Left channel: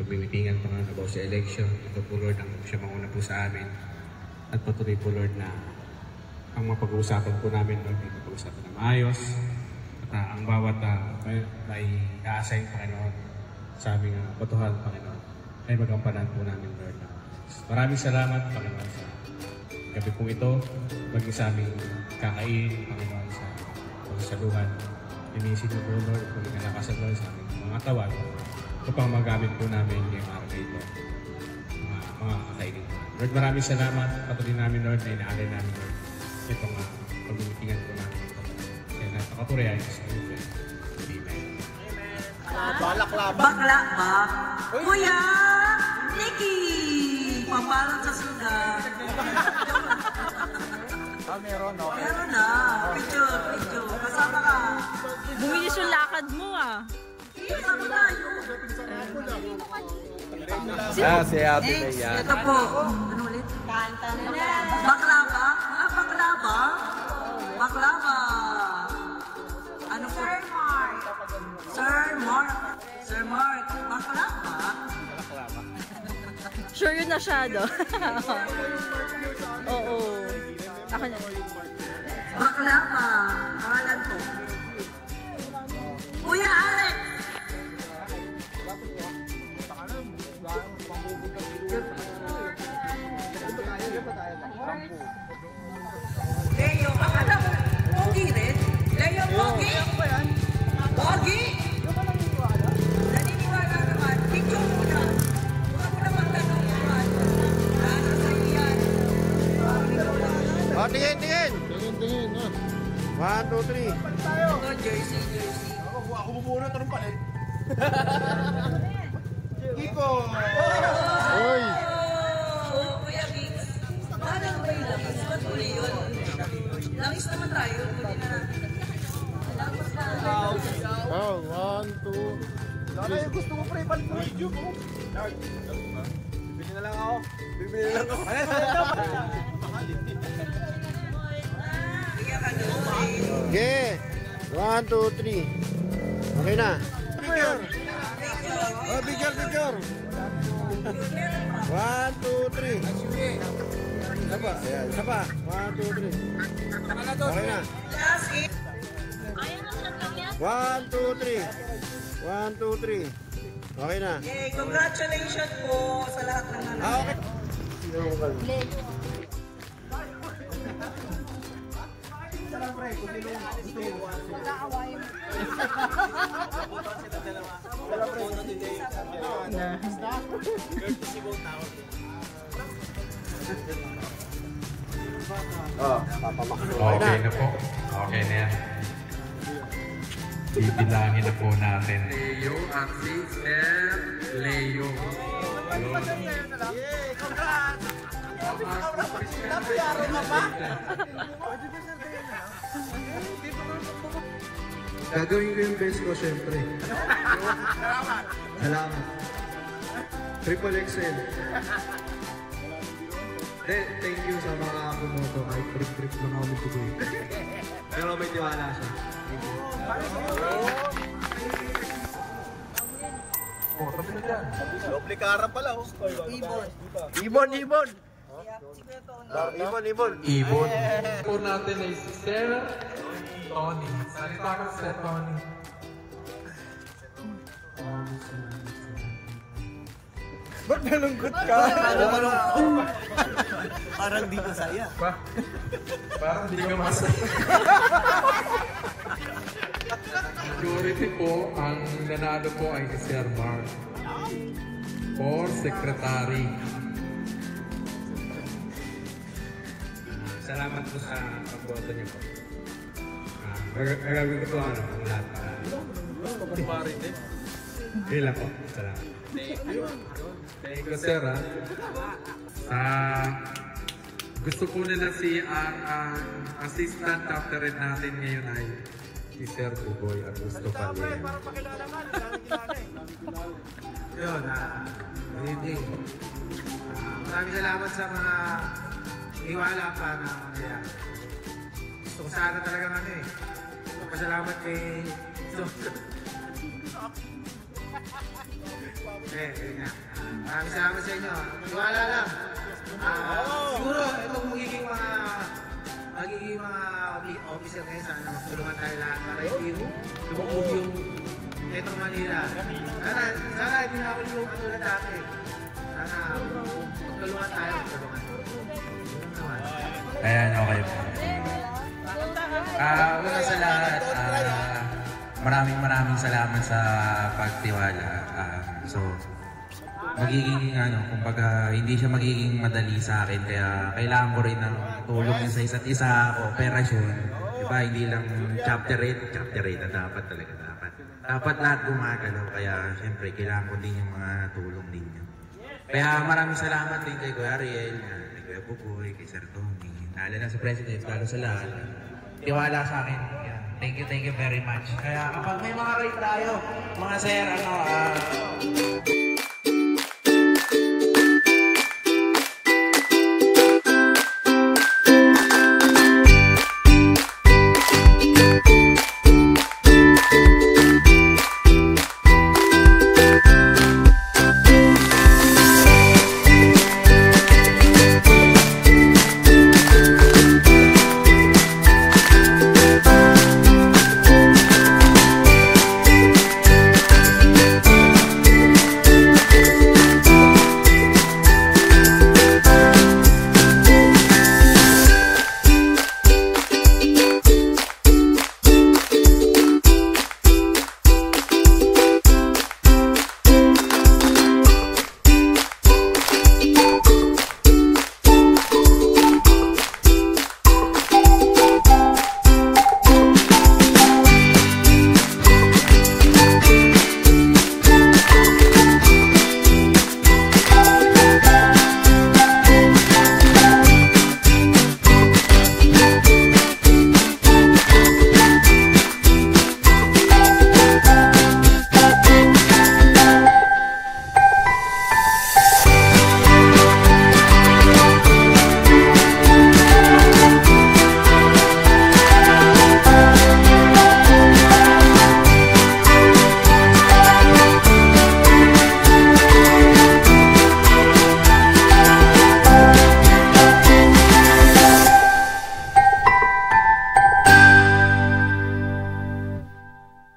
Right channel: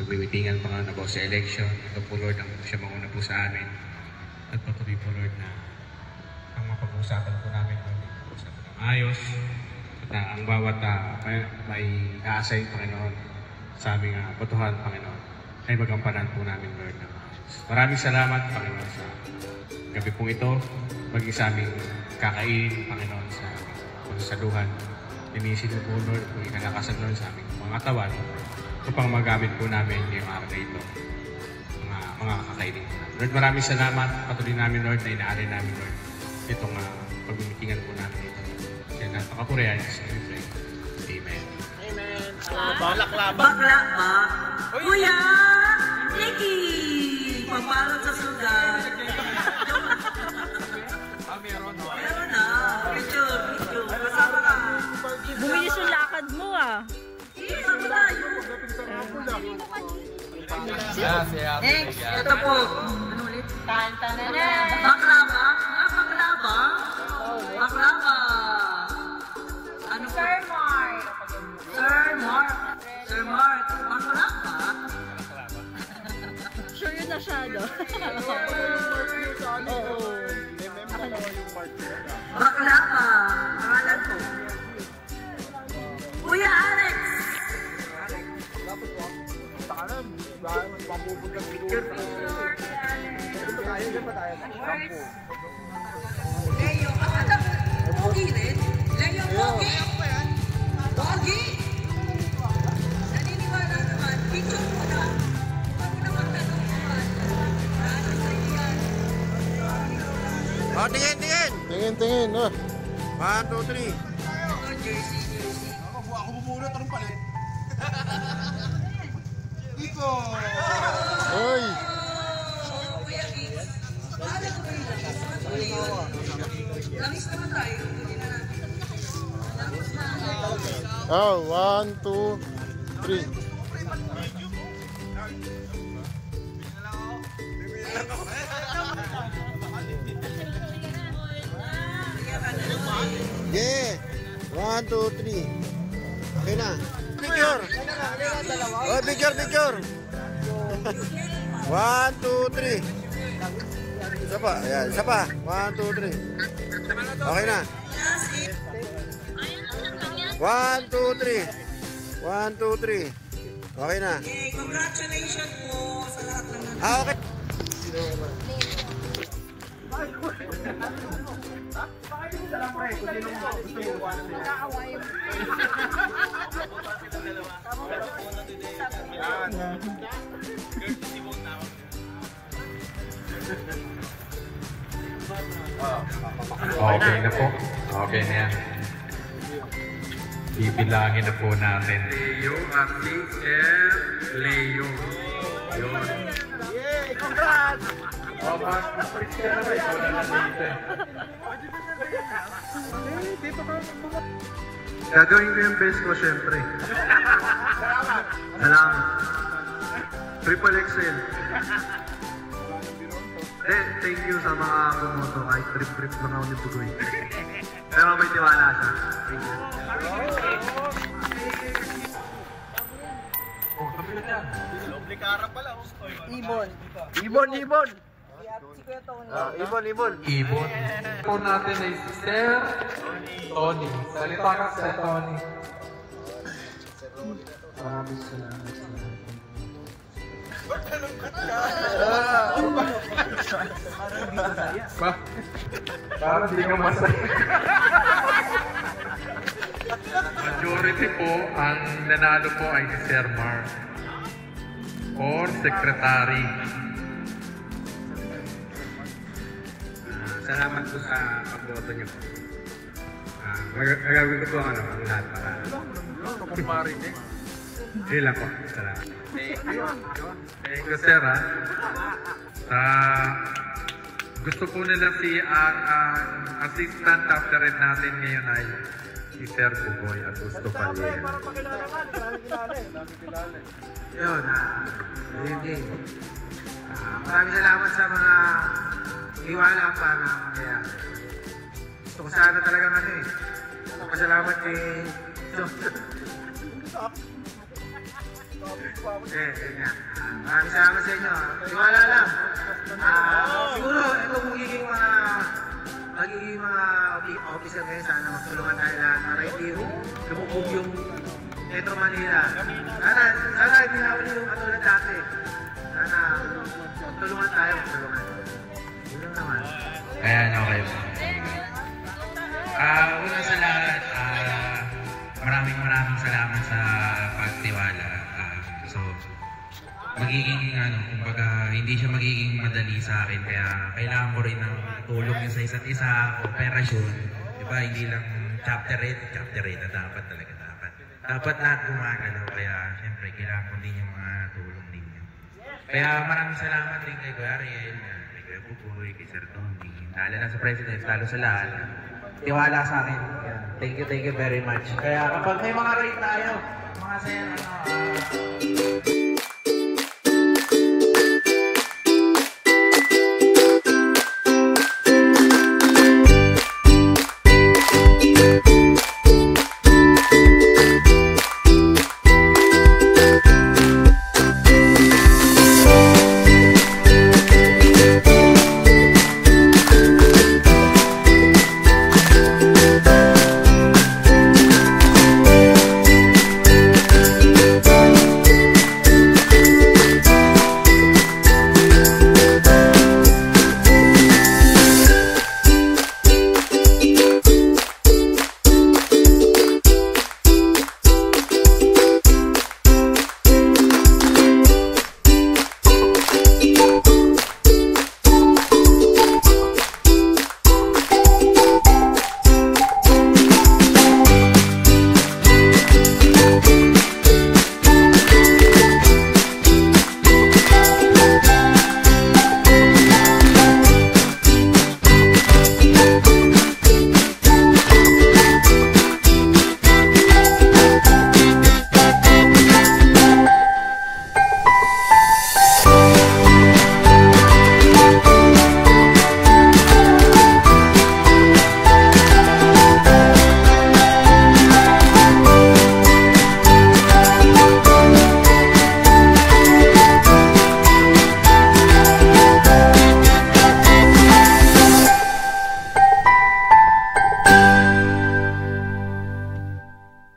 pagmimitingan Panginoon about sa election. Ito po Lord, ang siya mauna po sa amin. At patuloy po Lord na ang mapag-uusapan po namin, Lord, ay pag-uusapan na maayos. At ang bawat may a-assign Panginoon sa aming botohan Panginoon ay magampanan po namin Lord. Maraming salamat Panginoon sa gabi pong ito. Maging sa aming kakain Panginoon sa pagsasaluhan. Linisin mo po Lord kung ikalakasan Lord sa aming mga katawan upang magamit po namin yung araw na ito. Mga kakainin. Lord, maraming salamat. Patuloy namin Lord na inaari namin Lord itong pagmimitingan po namin. Kaya napakapurihan sa ito. Amen. Bakla ba? Kuya! Nikki! Papalot sa sugat. Meron na. Picture. Kasama ka. Bumilis yung lakad mo Kasama tayo. Next. Ito po. Ano ulit? Bakla ba? Bakla ba? Bakla ba? Ano po? Sir Mark. Bakla ba? Sure yun na siya, no? Oo. Ako na. Bakla ba? Pangalan ko. Kuya Alex! Leo, akala mo, Pogi din? Leo, Pogi? Pogi? Naniniwala naman, picture mo na. Huwag naman kayo Oh, tingin. Oh. 1, 2, 3. Ako buburo, tarong palit. Kiko! Oy! Kuya Kix, bahala ka ba yun? Langis naman tayo. Oh, 1, 2, 3. Gusto mo pa rin palit video mo? Bibili na lang ako. Okay. 1, 2, 3. Okay na. Picture. Oh, picture. 1, 2, 3. Isa pa. Ayan, isa pa. 1, 2, 3. Okay na. 1, 2, 3. 1, 2, 3. Okay na. Congratulations po sa lahat ng mga. Okay. Salam pre, kung sino gusto mo. Magkaawayan mo. Okay na po. Okay na yan. Bibilangin na po natin. Leo at Leo. Yun. Gagawin ko yung best ko syempre. Salamat. Triple XL. Thank you sa mga bumoto. Kahit trip lang ako ni Pugoy. Pero may tiwala siya. Thank you. Oh, sabi na dyan. Doble kara pala. Ibon. Ibon. Po natin ay si Sir Tony. Salita ka, Sir Tony. Maraming salamat. Ba't nalungkot ka? Parang di ka saya. Parang di ka masaya. Majority po, ang nanalo po ay si Sir Mark. Or Secretary. Salamat po sa pagboto niyo po. Magagawin ko po ang lahat. Hindi lang po. Salamat. Thank you, sir. Gusto po nila ang assistant after red natin ngayon ay si Sir Bugoy at gusto pa rin. Yun, hindi. Maraming salamat sa mga iwala pa na mangyayari. Gusto ko sana talaga Pasalamat kay Yun nga. Maraming salamat sa inyo. Tiwala lang. Siguro, ito magiging mga officer ngayon, sana magtulungan tayo lahat para hindi lumubog yung Metro Manila. Sana hindi namin yung katulad dati. Sana magtulungan tayo. Yun naman. Ayan, okay. Una sa lahat, maraming salamat sa pagtiwala. So, magiging, kumbaga, hindi siya magiging madali sa akin. Kaya kailangan ko rin ng tulong sa isa't isa, operasyon. Diba, hindi lang chapter 8 na dapat talaga. Dapat lahat gumagalaw. Kaya, syempre, kailangan ko din yung mga tulong din. Kaya maraming salamat din kay Kuya Ariel, kay Kuya Buboy, kay Sir Tony, lalo na sa President, lalo sa lahat. Tiwala sa akin. Thank you very much. Kaya kapag may mga rate tayo, mga sir,